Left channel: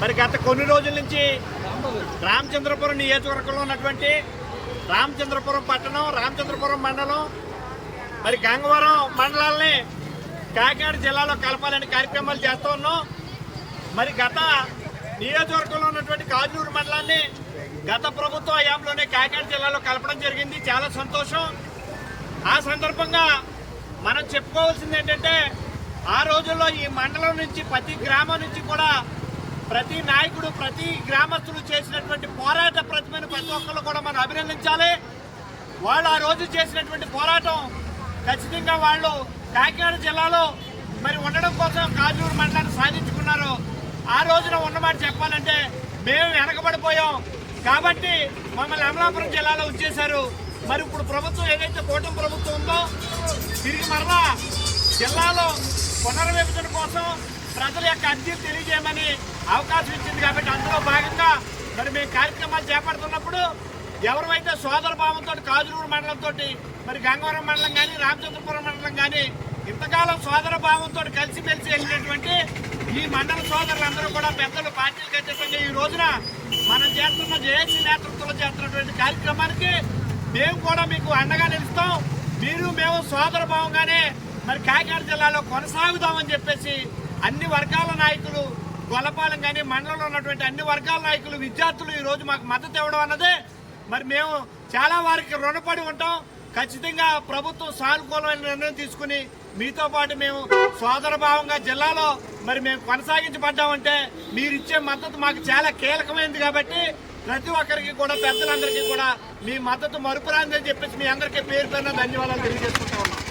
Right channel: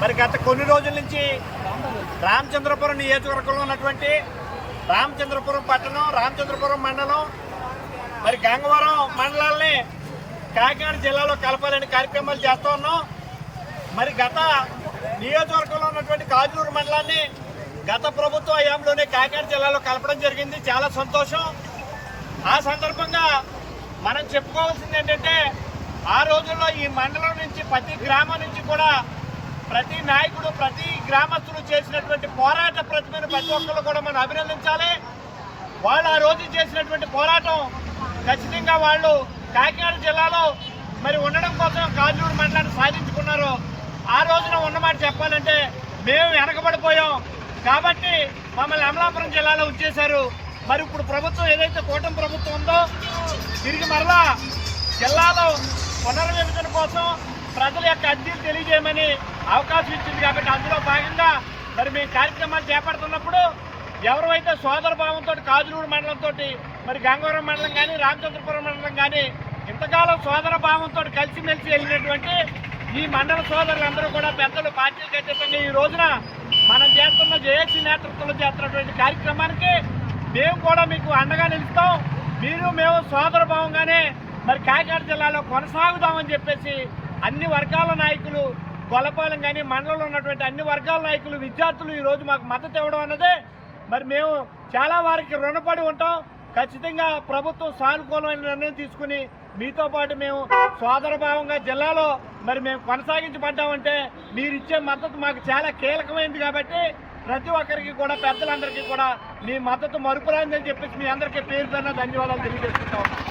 మరి గత కొన్ని రోజుల నుంచి రామచంద్రపురం నియోజకవర్గంలో ఉన్నటువంటి రామచంద్రపురం పట్టణం, రామచంద్రపురం మండలం, మరి గంగవరం మండలాల్ని కాకినాడ జిల్లాలో కలపాలని కార్యక్రమాలు చేస్తూ ఉన్నాం. మరి గత నియోజకవర్గంలో ఉన్నటువంటి కాజూరు మండలాన్ని గత ప్రభుత్వ హయాంలోనే కాకినాడ జిల్లాలో కలపడం జరిగింది. చాలా సంతోషం. ఆ సందర్భంగా మనం చెప్పుకోవాల్సింది ఏంటంటే, ఆ రోజుల్లో ఈ మండలం నుంచి ప్రతి గ్రామం నుంచి కూడా ప్రతి నాయకుడు, ప్రతి గ్రామస్తులు చేసినటువంటి పోరాట ప్రతిమను ప్రతి ఒక్కరు కూడా మనం అభినందించాలి. వాళ్ళు ఆ రోజు చేసినటువంటి పోరాటం ఖచ్చితంగా వాళ్ళు కాకినాడ జిల్లాలో మరి ఉండడం కోసం కాజూరు మండలాన్ని సాధించుకున్నారు. ఆ రోజున ఉన్నమాట చెప్పాలంటే మేము వెనకబడిపోయాం కాబట్టి మమ్మల్ని అమలాపురం జిల్లాలో ఉంచేశారు. మరి ఇప్పుడు ప్రభుత్వం ఏదైతే కూటమి ప్రభుత్వం ఉందో తిరిగి మరలా జిల్లాలో పునర్విభజన కోసం ప్రజల యొక్క అర్జీలు తెలియజేయమని అవకాశం ఇచ్చింది. కాబట్టి అందులో భాగంగా మరి మేము కార్యక్రమాలు చేపడుతున్నప్పుడు ఎవరైతే సోదర భావంతో కాజూరు మండలంతో మరి గంగవరం మండలం కానీ రామచంద్రపురం మండలం కానీ ఇంతకాలం సోదర భావంతో కలిసిమెలిసి వెళ్ళినటువంటి ఈ మండల సోదరులందరూ కూడా పెద్దలు పార్టీలకు అతీతంగా ఈ రోజున మనం చేస్తున్న జేఏసీ నేతృత్వంలో చేస్తున్నటువంటి కార్యక్రమానికి మేము కూడా మీకు అండగా నిలుస్తాం. మీరు మేము సోదర భావంగానే మరి కాకినాడ జిల్లాలో కొనసాగుదామని చెప్పేసి అన్ని వర్గాల నాయకులు, గొల్లపాలెం కానీ మండలంలో ఉన్నటువంటి అన్ని వర్గాల నాయకులు, విద్యార్థులు ఈరోజు మాకు మద్దతు ఇవ్వడం అన్నదే మరి మేము చాలా వారికి రుణపడి ఉంటాం. ఖచ్చితంగా ప్రభుత్వం సానుకూలమైన నిర్ణయం తీసుకుని మీతో పాటు మేము సోదర భావంగా జిల్లాలో మరి మేము కొనసాగించబడ్డామంటే మీరు ఇచ్చే మద్దతు మాకు చాలా కీలకమైంది. కాబట్టి ప్రతి ఒక్కరికి కూడా, పెద్దలందరికీ కూడా మీ మద్దతు మరుపురాందని చెప్పేసి మీ అందరికీ పేరు పేరున ధన్యవాదాలు తెలియజేసుకుంటా ఉన్నాం.